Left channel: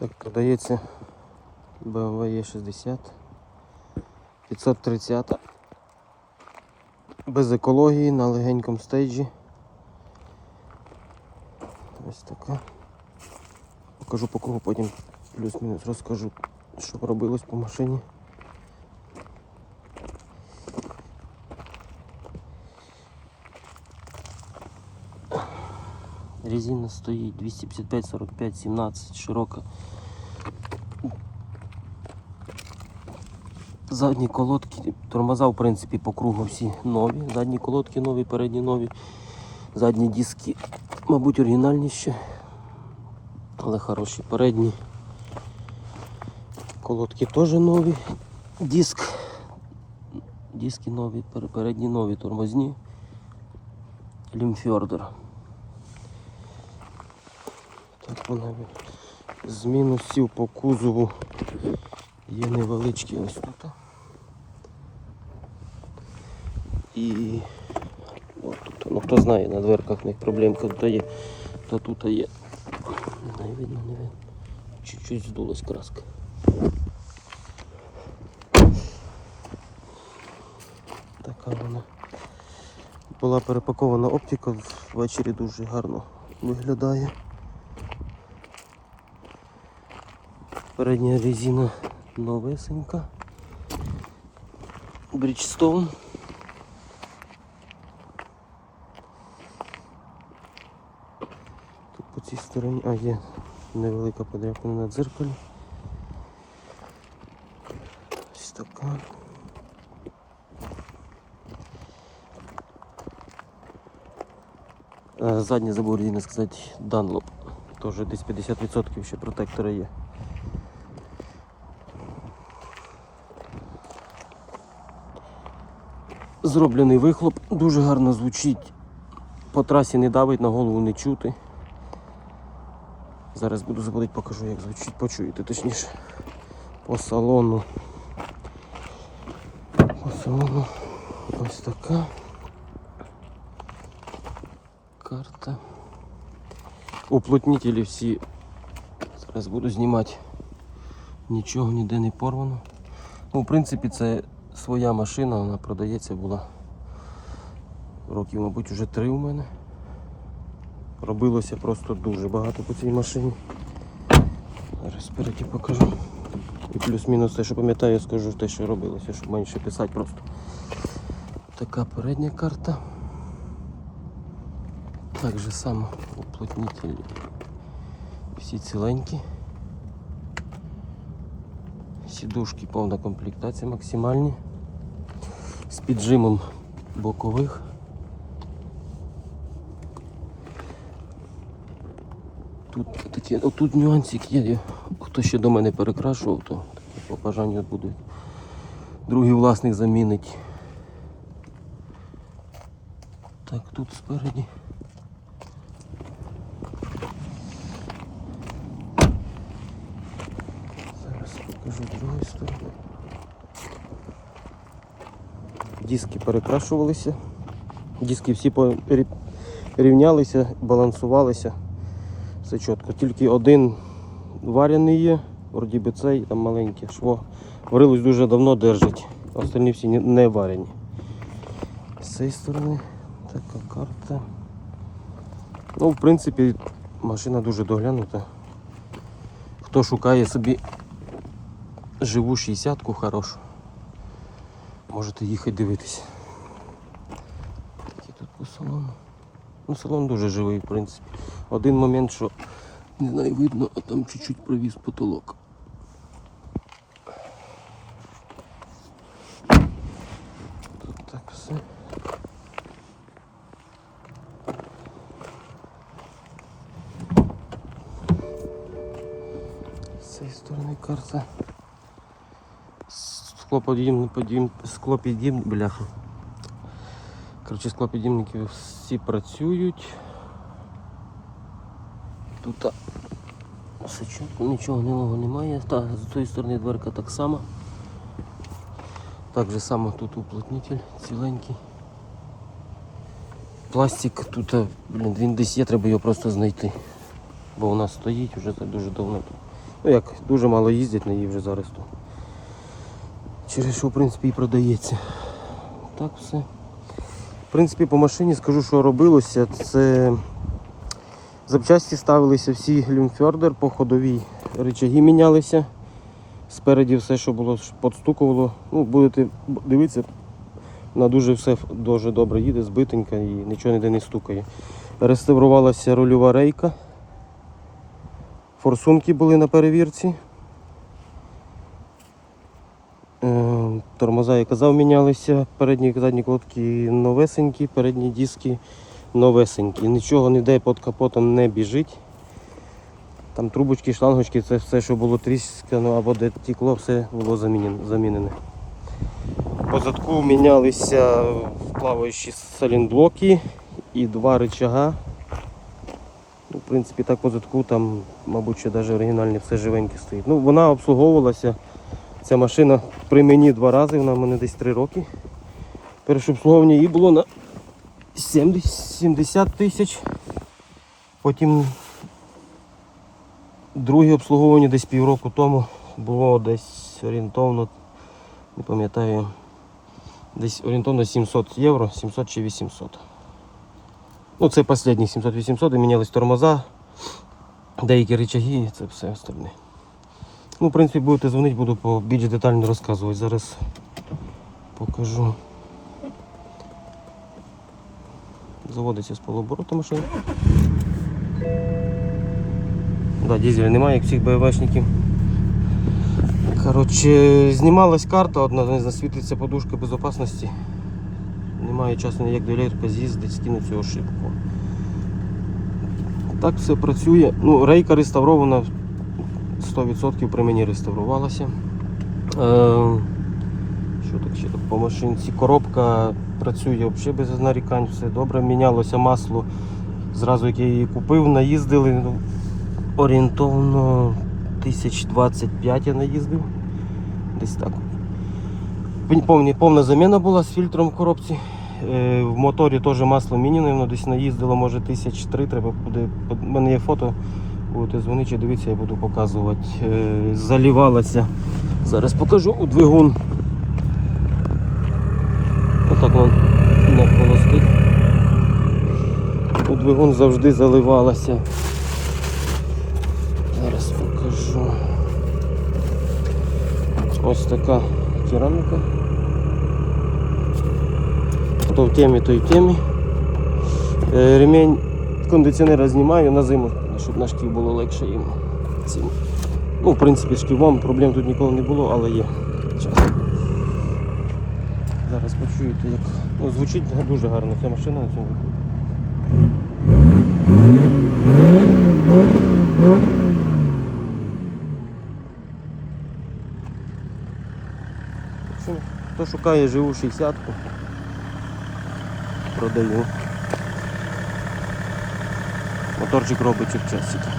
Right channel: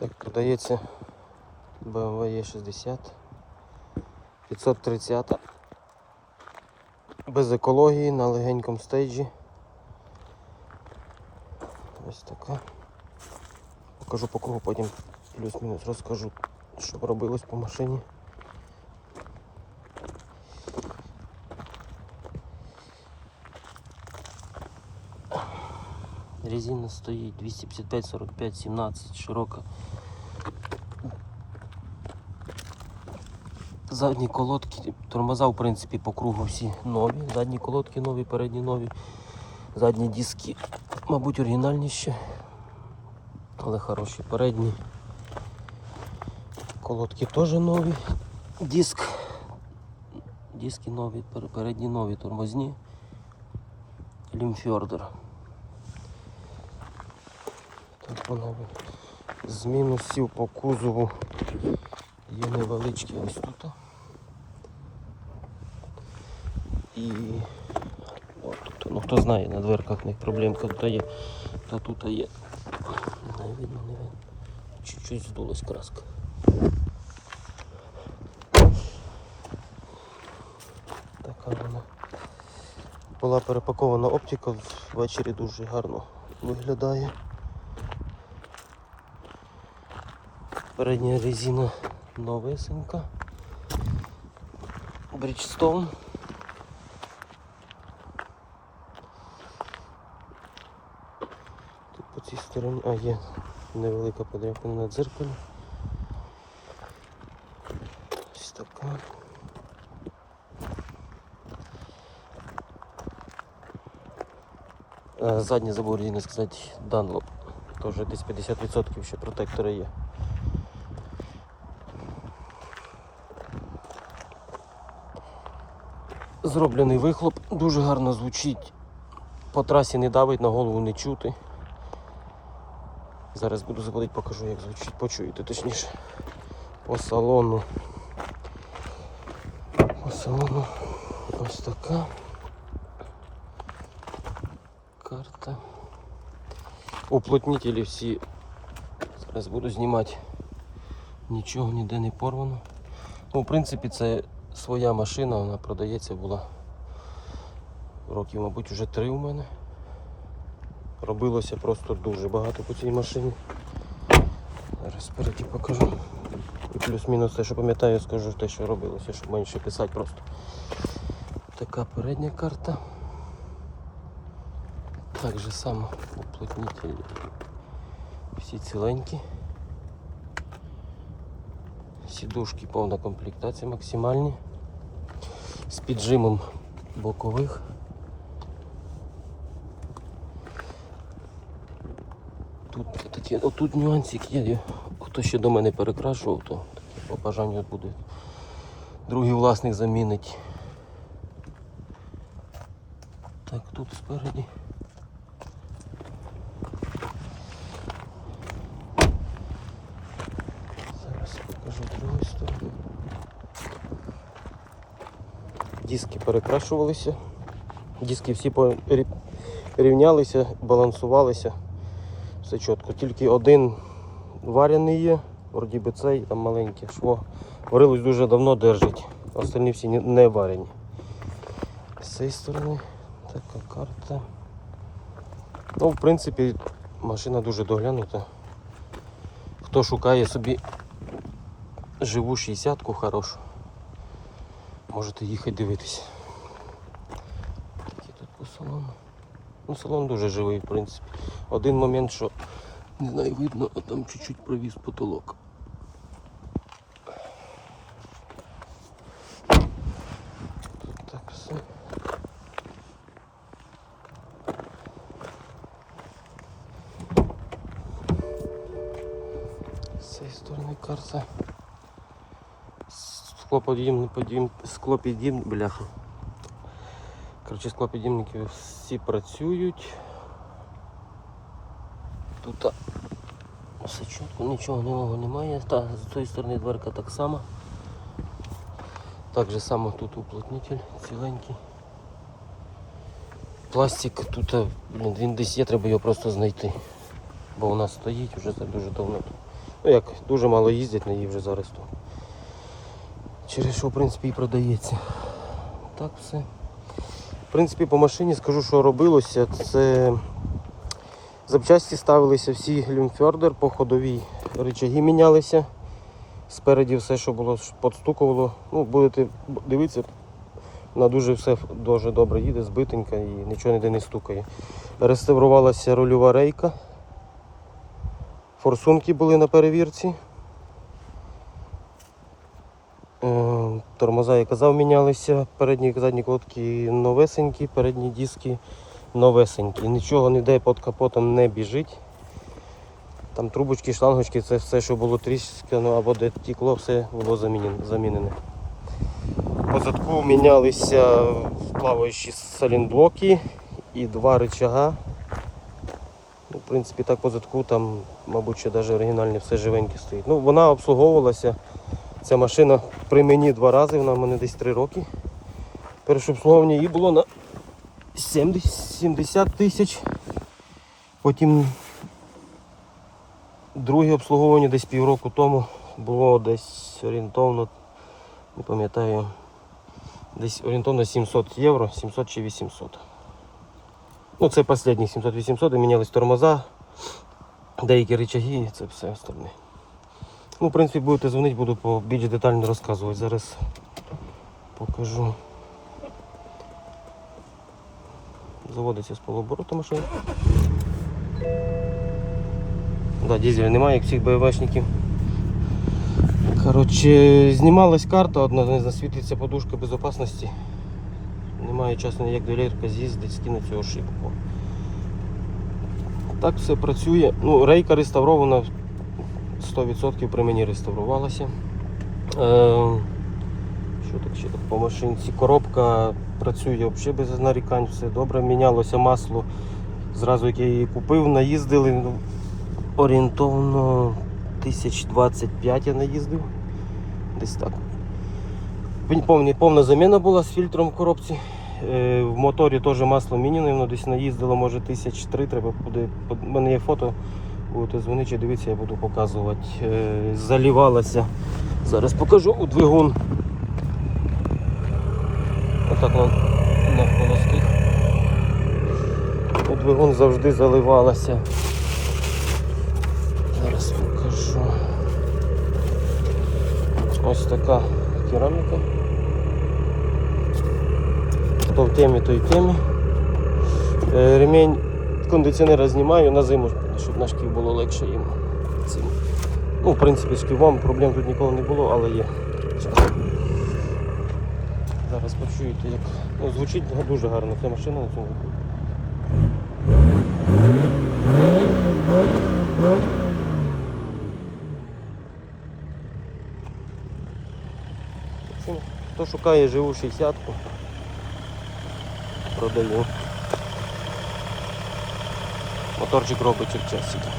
Так, продається BMW E60 530 без екології на легенькому стейджі. Ось така. Покажу по кругу, потім плюс-мінус розкажу, що робилось по машині. Резина стоїть 255, 45, 17, широка. Задні колодки, тормоза в принципі по кругу всі нові. Задні колодки нові, передні нові. Задні диски, мабуть, оригінальні ще, але хороші. Передні колодки теж нові. Диск. Диски нові, передні нові тормозні. Лімфьордер. Так вона ви- з мінусів по кузову є невеличкі ось тут. І от тут, ну хто знає, на дверках них проблемки то є, то тут є. Не видно, не видно. Чуть-чуть здулась краска. Така вона. Була перепакована оптика, ввечері дуже гарно виглядає. Передня резина новесенька. Bridgestone. Тут по цій стороні, а є невелика подряпина на дзеркалі. Ось така. Е, Задня забув не сказати Dunlop. Теж десь 50% ще протектора є. Зроблений вихлоп, дуже гарно звучить. По трасі не давить, на голову не чути. Зараз буду заводити, покажу, як звучить, почуєте точніше. По салону. По салону ось така карта. Уплотнителі всі. Зараз буду знімати. Нічого ніде не порвано. Ну, в принципі, це своя машина, вона продається була років, мабуть, вже три у мене. Робилося просто дуже багато по цій машині. Зараз спереді покажу. І плюс-мінус все, що пам'ятаю, скажу те, що робилося, щоб мені ще писати просто. Така передня карта. Так же само уплотнителі. Всі ціленькі. Сідушки повна комплектація максимальні. З піджимом бокових. Тут такі, отут нюансик є. Хто ще до мене перекрашував, то такі по бажанню буде. Другий власник замінить. Так, тут спереді. Зараз покажу другу сторону. Диски перекрашувалися. Диски всі рівнялися, балансувалися. Все чітко. Тільки один варений є, вроді би цей там маленьке шво. Варилось дуже давно держить. Остальні всі не- не варені. З цієї сторони така карта. Ну, в принципі, машина дуже доглянута. Хто шукає собі живу 60-ку хорошу, можете їхати дивитися. Такі тут по салону. Ну, салон дуже живий, в принципі. Один момент, що не знаю, видно, а там чуть-чуть провіз потолок. Тут так все. З цієї сторони карта. Склоподібний, подіб, склопідібний, бляха. Коротше, склопідібники всі працюють. Тут нічого нового немає. Та, з цієї сторони дверка так само. Так же само тут уплотнитель ціленький. Пластик тут, а, блін, він десь є, треба його просто знайти. Бо вона стоїть вже так дуже давно. Ну як, дуже мало їздять на її вже зараз тут. Через що, в принципі, і продається. Так все. В принципі, по машині скажу, що робилося. Це запчасті ставилися всі люмфьордер по ходовій. Рычаги мінялися. Спереді все, що було, подстукувало. Ну, будете дивитися, вона дуже все дуже добре їде, збитенька і нічого ніде не стукає. Реставрувалася рульова рейка. Форсунки були на перевірці. Тормоза, я казав, мінялися. Передні задні колодки новесенькі, передні диски новесенькі. Нічого ніде під капотом не біжить. Там трубочки, шлангочки, це все, що було тріскано або де тікло, все було замінене. По задку мінялися плаваючі салінблоки і два рычага. Ну, В принципі, так по задку там, мабуть, ще навіть оригінальні все живеньке стоїть. Ну, вона обслуговувалася. Ця машина при мені два рази, вона в мене десь три роки. Перше обслуговування її було на 70 70 тисяч. Потім друге обслуговування десь півроку тому було десь орієнтовно, не пам'ятаю, десь орієнтовно 700 євро, 700 чи 800. Ну, це останні 700-800 і мінялись тормоза, деякі рычаги і це все остальне. Ну, в принципі, будете дзвонити, буду більш детально розказувати. Зараз покажу. Заводиться з полуоборотом ще. Да, дізеля немає, як всіх БВшників. Коротше, знімалась карта, одна не засвітиться подушка безпечності. Немає часу ніяк до з'їздить, скинути цю ошибку. Так все працює. Ну, рейка реставрована 100% при мені реставрувалася. Е, що так ще тут по машинці? Коробка працює взагалі без нарікань, все добре. Мінялося масло. Зразу як я її купив, наїздили. Орієнтовно 1025 я наїздив. Десь так. Повні, повна заміна була з фільтром в коробці. Е, В моторі теж масло міняне, воно десь наїздило, може тисяч три. Треба буде. У мене є фото. Будете дзвонити, чи дивитися, я буду показувати. Е, Залівалася. Зараз покажу у двигун. Отак он не холостить. У двигун завжди заливалася. Зараз покажу. Ось така кераміка. То в темі, то й темі. Е, Ремінь кондиціонера знімаю на зиму, щоб на шків було легше їм. Цим. Ну, в принципі, з шківом проблем тут ніколи не було, але є. Зараз почуєте, як ну, звучить дуже гарно ця машина Хто шукає живу 60-ку, продаю. Моторчик робить часики.